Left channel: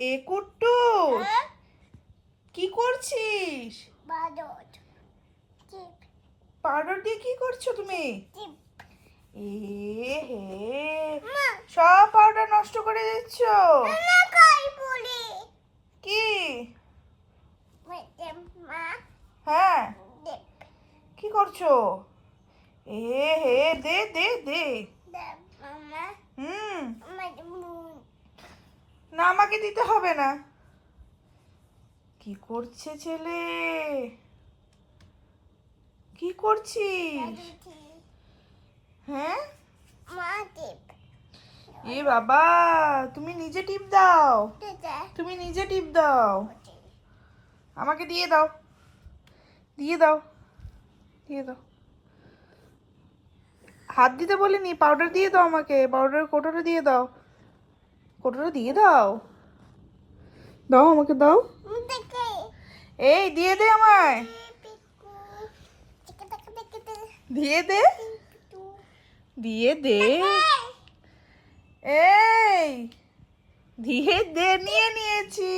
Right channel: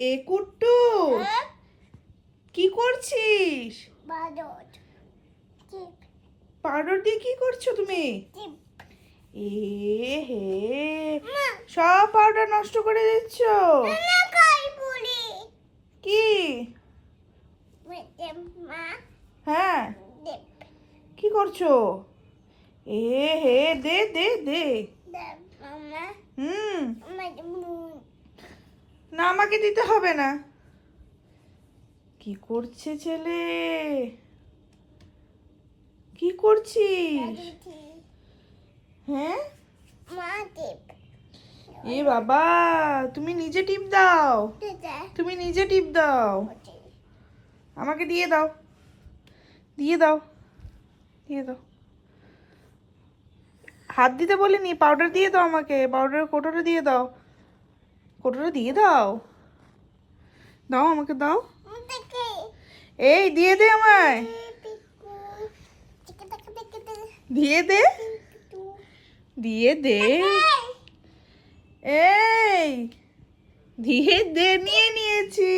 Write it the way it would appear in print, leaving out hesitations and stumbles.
এ কুট্টু, কি করছিস? পাউডার দিয়ে কি করছো তুমি? এ হে, সব পাউডার নষ্ট করে দিচ্ছ। কি? হ্যাঁ, কি করছো? এ হে, দে দে দে। হুম, না আমাকে দিতে হবে না। কি করছে ছেলে? কি করছিস? হ্যাঁ, এ বাবা, তুমি নিজে টিপ দাও। তুমি নিজে টিপ দাও। আমাকে দিয়ে দাও, দিয়ে দাও, দিয়ে দাও। হাত দিতে বলিনি, পাউডার দিয়ে দাও আমাকে। পাউডারের কৌটোটা দিয়ে দাও। কৌটোটা দিয়ে দাও। দাও আমাকে, দাও। এই দিয়ে দে আমায়। দিয়ে দে, দিয়ে দে। এই দিয়ে দে, নিয়ে নিয়েছি।